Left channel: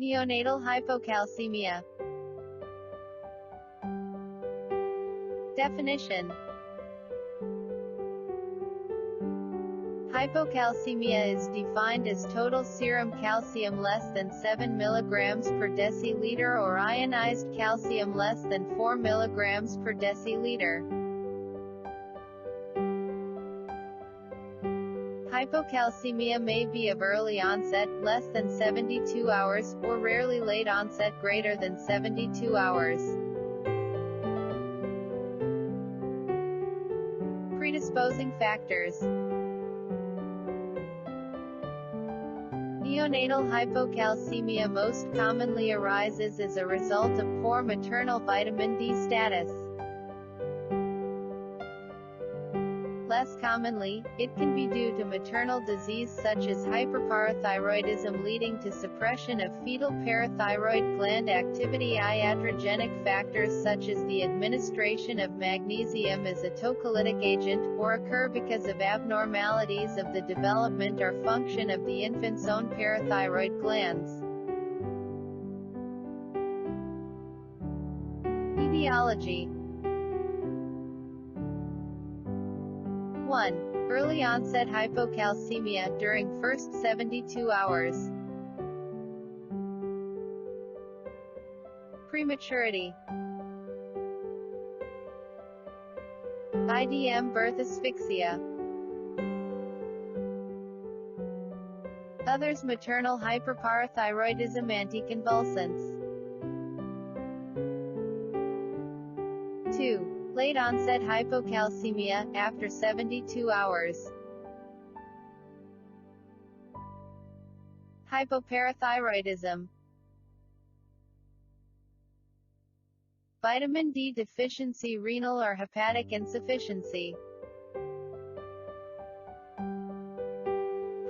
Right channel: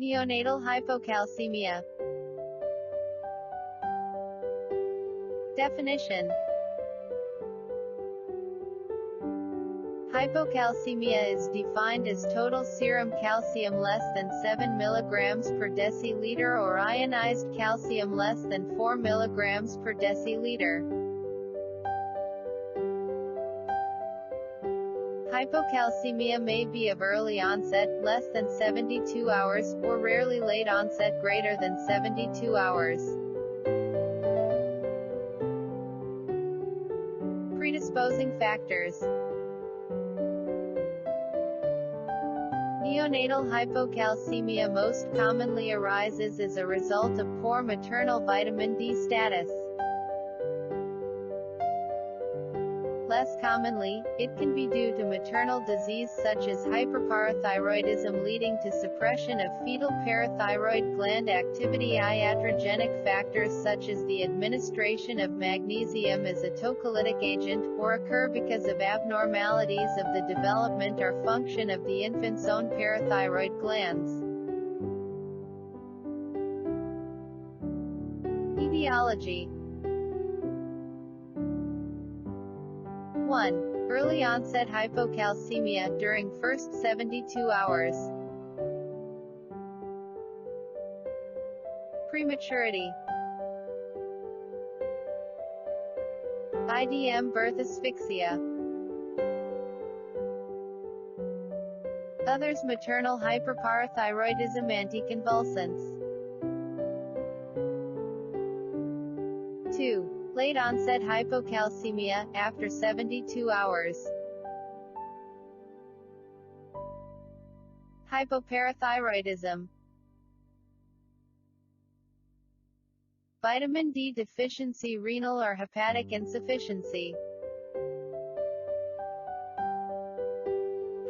Neonatal hypocalcemia. Definition. Hypocalcemia is defined as total serum calcium less than 7 mg per deciliter or ionized calcium less than 4 mg per deciliter. Hypocalcemia may be of early onset, less than 72 hours, or rarely late onset, greater than 72 hours. Predisposing factors. Neonatal hypocalcemia most commonly arises as a result of poor maternal vitamin D status. Less commonly, it can be due to maternal disease such as hyperparathyroidism leading to suppression of fetal parathyroid gland activity. Iatrogenic factors such as the administration of magnesium as a tocolytic agent, or occur because of abnormalities of the development or function of the infant's own parathyroid glands. Etiology. 1. Early onset hypocalcemia during first 72 hours. Prematurity. IDM birth asphyxia. Others maternal hyperparathyroidism anticonvulsants. 2. Late onset hypocalcemia, after 72 hours. Hypoparathyroidism. Vitamin D deficiency, renal or hepatic insufficiency.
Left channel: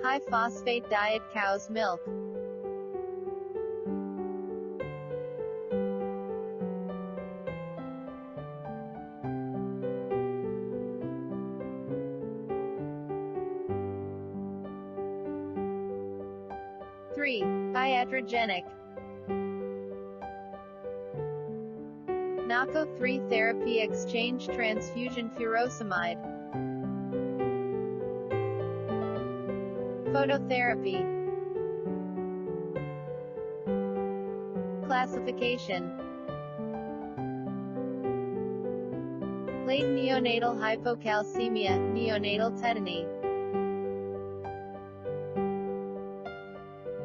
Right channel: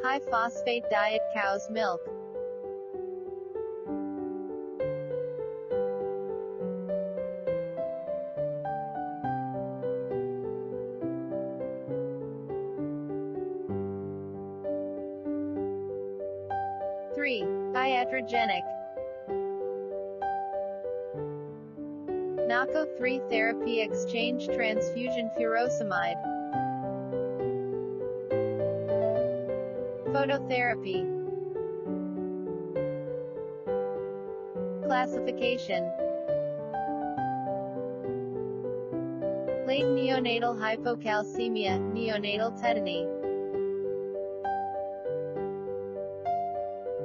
High phosphate diet, cow's milk. Three. Iatrogenic. NACO3 therapy, exchange transfusion furosemide. Phototherapy. Classification. Late neonatal hypocalcemia, neonatal tetany.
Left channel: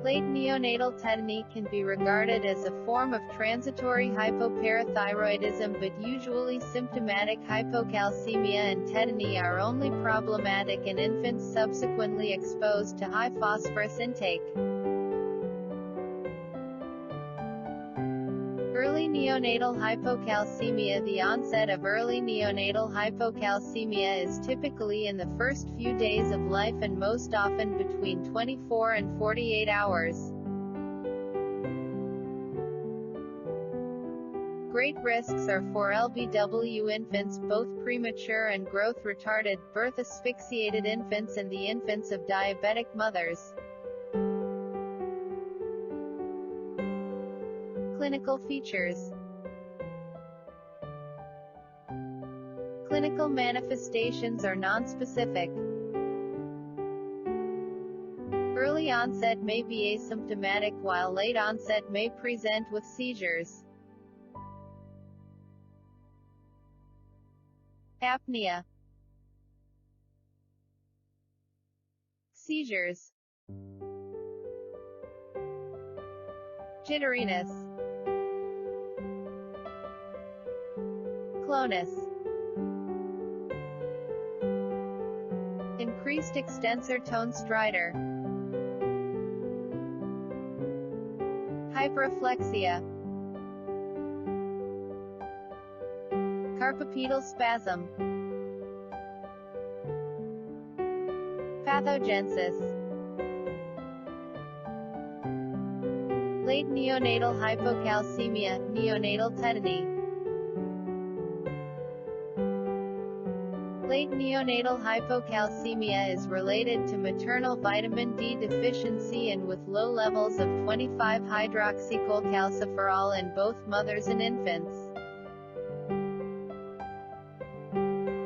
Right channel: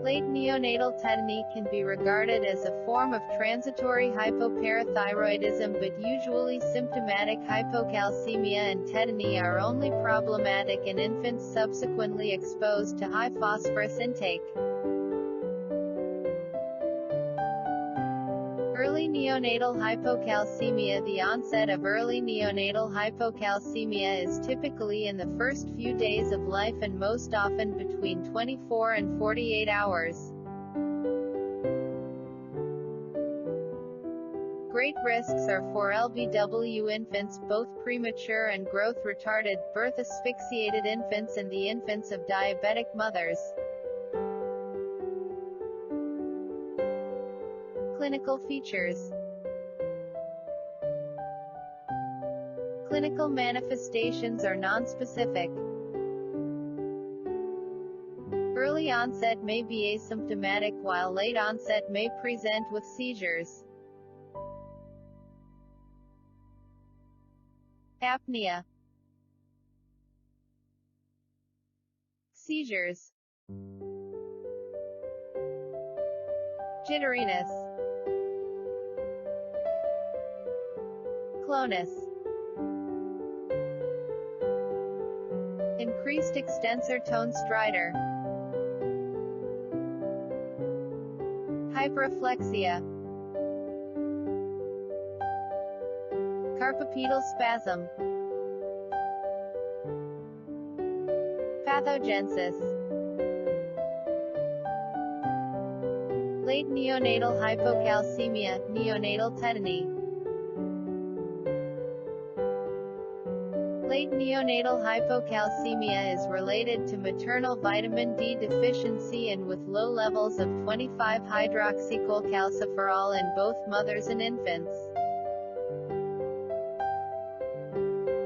Late neonatal tetany can be regarded as a form of transitory hypoparathyroidism, but usually symptomatic hypocalcemia and tetany are only problematic in infants subsequently exposed to high phosphorus intake. Early neonatal hypocalcemia. The onset of early neonatal hypocalcemia is typically in the first few days of life and most often between 24 and 48 hours. Great risks are for LBW infants, both premature and growth retarded, birth asphyxiated infants and the infants of diabetic mothers. Clinical features. Clinical manifestations are nonspecific. Early onset may be asymptomatic while late onset may present with seizures. Apnea. Seizures. Jitteriness. Clonus. Increased extensor tone stridor. Hyperreflexia. Carpopedal spasm. Pathogenesis. Late neonatal hypocalcemia, neonatal tetany. Late neonatal hypocalcemia is related to maternal vitamin D deficiency and with low levels of 25-hydroxycholecalciferol in both mothers and infants.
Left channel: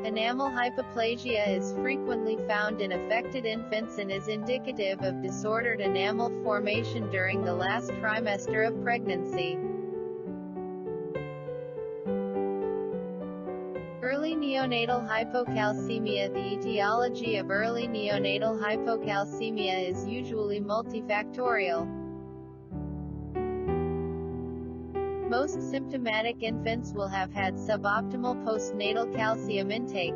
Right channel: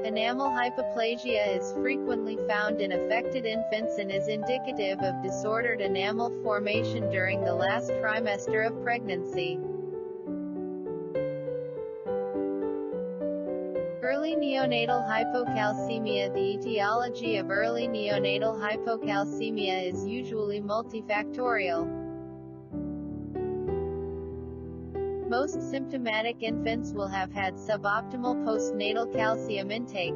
Enamel hypoplasia is frequently found in affected infants and is indicative of disordered enamel formation during the last trimester of pregnancy. Early neonatal hypocalcemia. The etiology of early neonatal hypocalcemia is usually multifactorial. Most symptomatic infants will have had suboptimal postnatal calcium intake.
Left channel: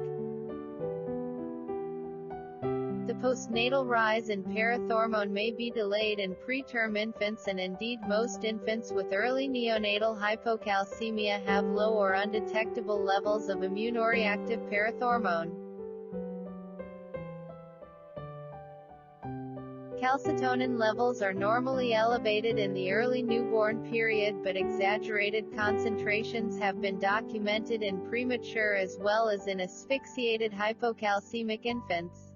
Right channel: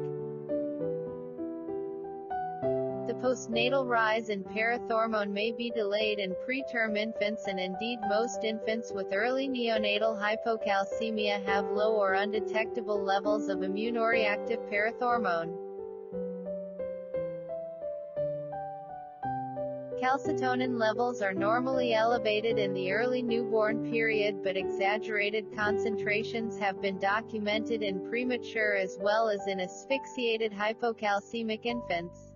The postnatal rise in parathormone may be delayed in preterm infants, and indeed most infants with early neonatal hypocalcemia have low or undetectable levels of immunoreactive parathormone. Calcitonin levels are normally elevated in the early newborn period, but exaggerated concentrations have been documented in premature as well as in asphyxiated hypocalcemic infants.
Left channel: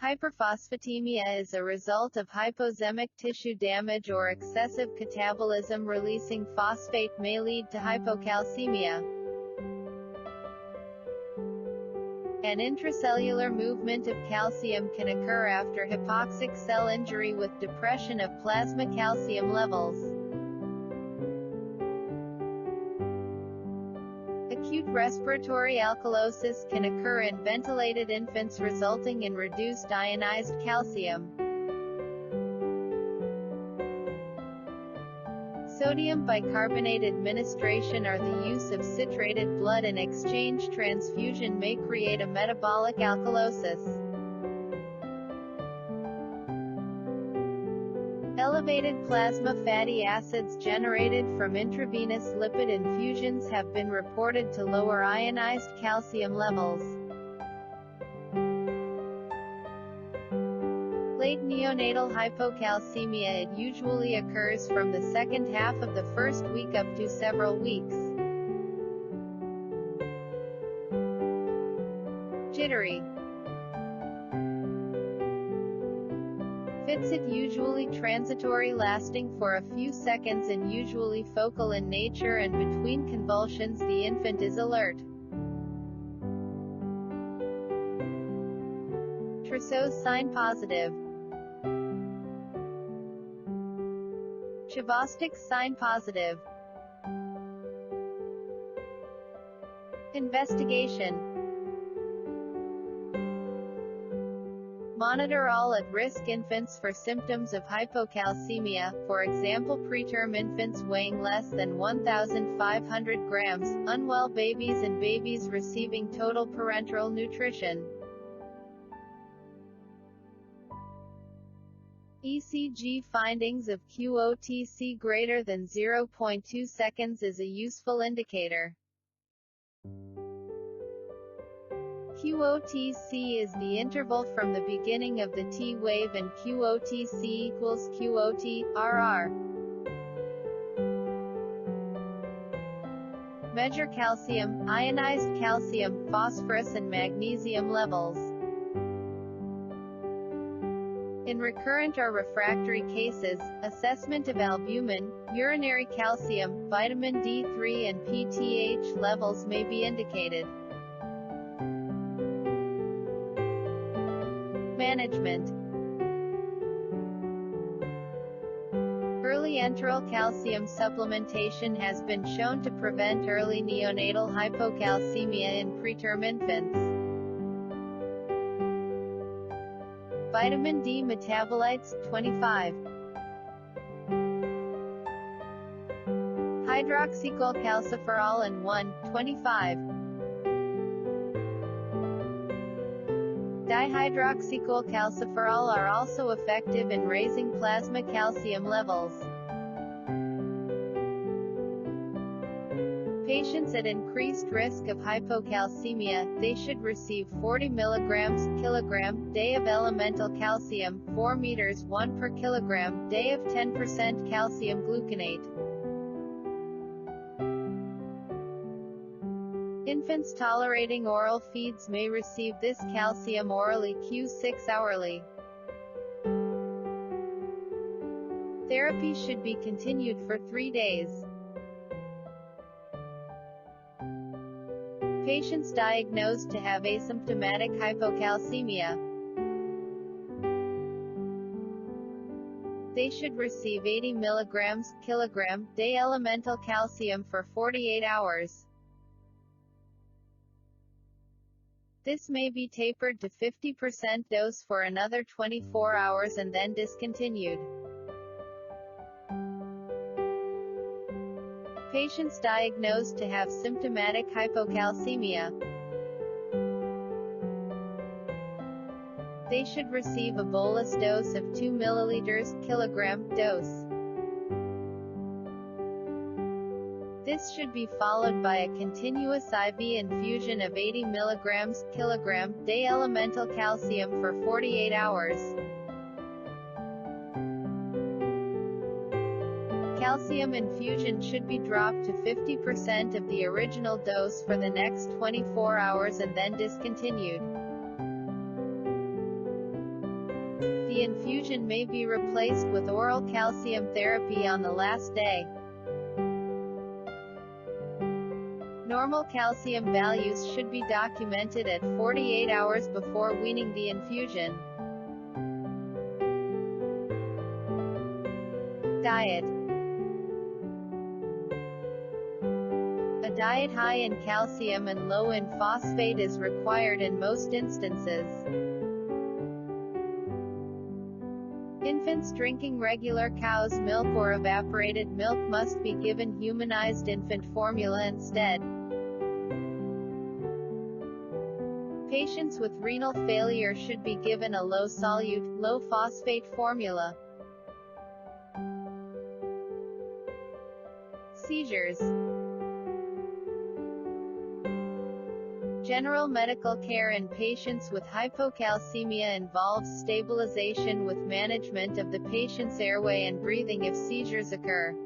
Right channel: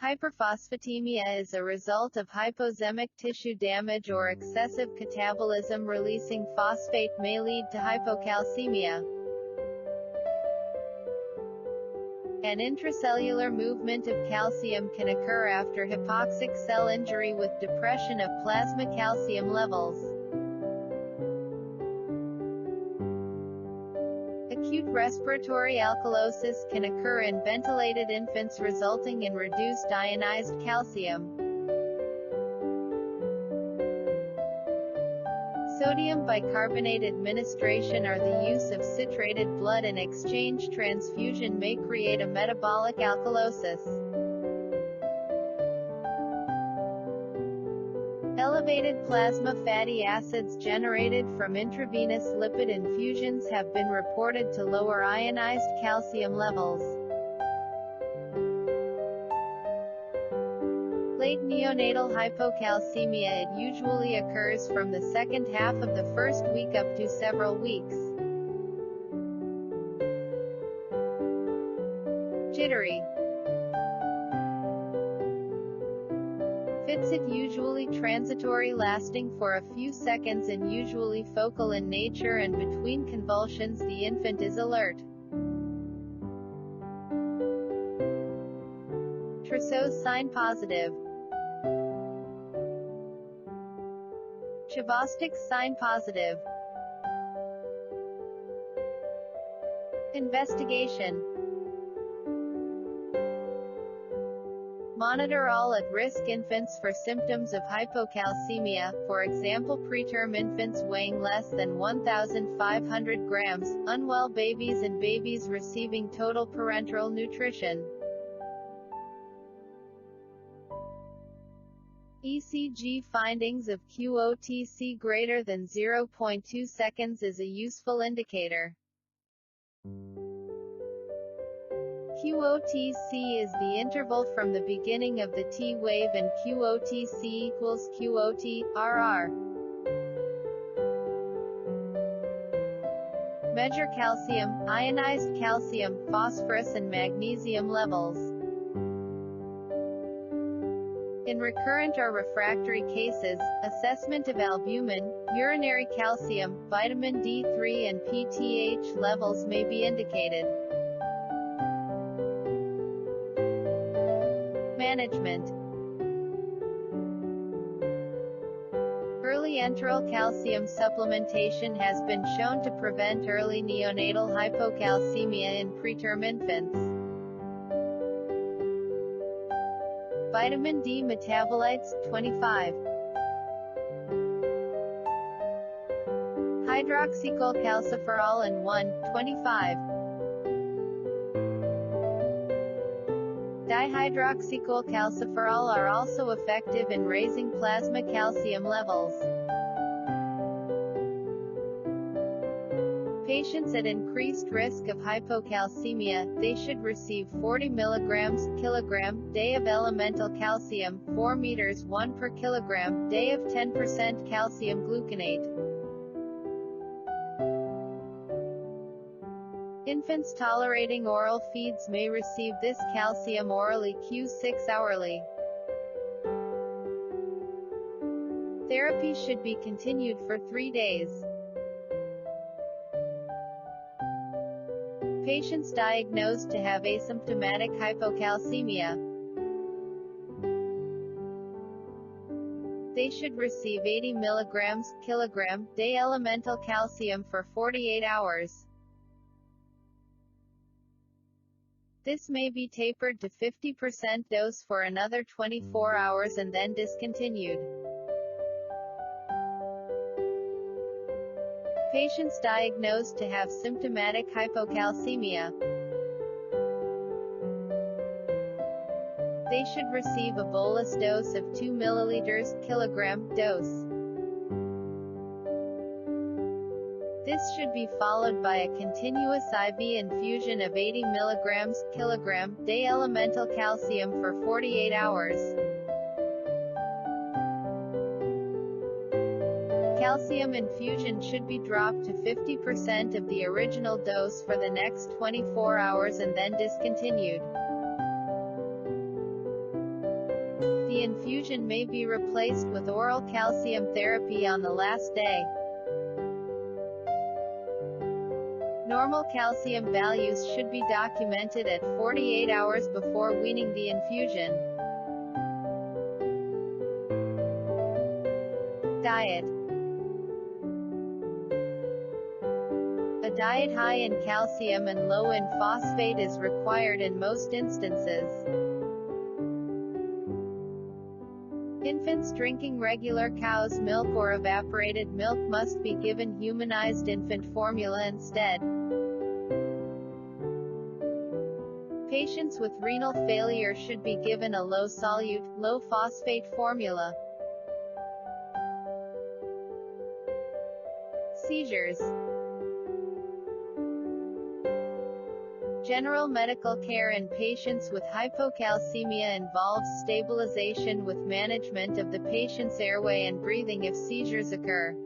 Hyperphosphatemia is a result of hypoxemic tissue damage or excessive catabolism. Releasing phosphate may lead to hypocalcemia. An intracellular movement of calcium can occur after hypoxic cell injury with depression of plasma calcium levels. Acute respiratory alkalosis can occur in ventilated infants, resulting in reduced ionized calcium. Sodium bicarbonate administration or the use of citrated blood in exchange transfusion may create a metabolic alkalosis. Elevated plasma fatty acids generated from intravenous lipid infusions have been reported to lower ionized calcium levels. Late neonatal hypocalcemia. It usually occurs from the second half of the first week up to several weeks. Jittery fits. It usually transitory, lasting for a few seconds and usually focal in nature, and between convulsions the infant is alert. Trousseau sign positive. Chavostick sign positive. Investigation. Monitor all at-risk infants for symptoms of hypocalcemia, for example preterm infants weighing less than 1,500 grams, unwell babies and babies receiving total parenteral nutrition. ECG findings of QOTC greater than 0.2 seconds is a useful indicator. QOTC is the interval from the beginning of the T wave, and QOTC equals QOT-RR. Measure calcium, ionized calcium, phosphorus and magnesium levels. In recurrent or refractory cases, assessment of albumin, urinary calcium, vitamin D3 and PTH levels may be indicated. Management. Early enteral calcium supplementation has been shown to prevent early neonatal hypocalcemia in preterm infants. Vitamin D metabolites, 25. Hydroxycholecalciferol and 1, 25. Dihydroxycholecalciferol are also effective in raising plasma calcium levels. Patients at increased risk of hypocalcemia, they should receive 40 mg kilogram day of elemental calcium, 4 meters 1 per kilogram day of 10% calcium gluconate. Infants tolerating oral feeds may receive this calcium orally Q6 hourly. Therapy should be continued for 3 days. Patients diagnosed to have asymptomatic hypocalcemia. They should receive 80 mg/kg day elemental calcium for 48 hours. This may be tapered to 50% dose for another 24 hours and then discontinued. Patients diagnosed to have symptomatic hypocalcemia. They should receive a bolus dose of 2 ml/kg dose. This should be followed by a continuous IV infusion of 80 mg/kg day elemental calcium for 48 hours. Calcium infusion should be dropped to 50% of the original dose for the next 24 hours and then discontinued. The infusion may be replaced with oral calcium therapy on the last day. Normal calcium values should be documented at 48 hours before weaning the infusion. Diet. A diet high in calcium and low in phosphate is required in most instances. Infants drinking regular cow's milk or evaporated milk must be given humanized infant formula instead. Patients with renal failure should be given a low-solute, low-phosphate formula. Seizures. General medical care in patients with hypocalcemia involves stabilization with management of the patient's airway and breathing if seizures occur.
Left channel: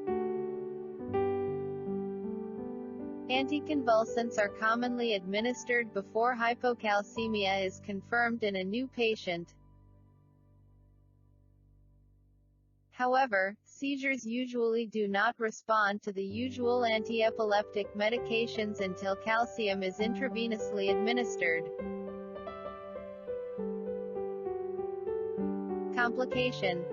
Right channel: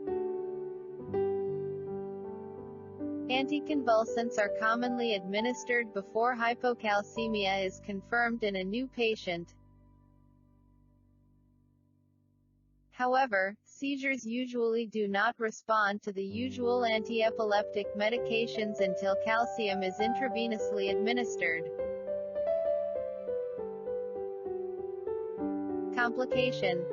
Anticonvulsants are commonly administered before hypocalcemia is confirmed in a new patient. However, seizures usually do not respond to the usual anti-epileptic medications until calcium is intravenously administered. Complication.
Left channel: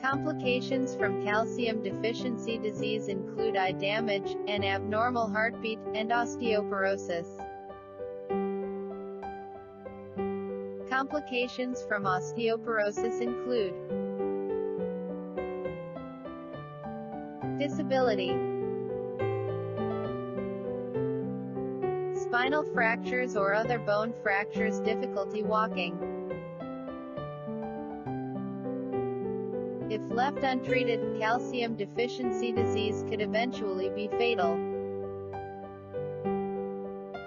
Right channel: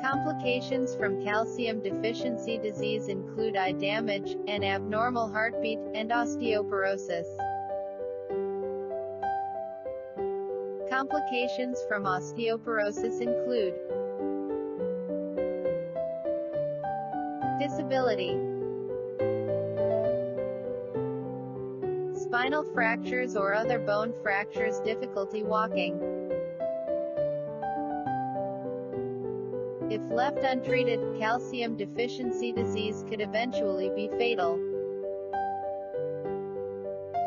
Complications from calcium deficiency disease include eye damage, an abnormal heartbeat, and osteoporosis. Complications from osteoporosis include disability, spinal fractures or other bone fractures, difficulty walking. If left untreated, calcium deficiency disease could eventually be fatal.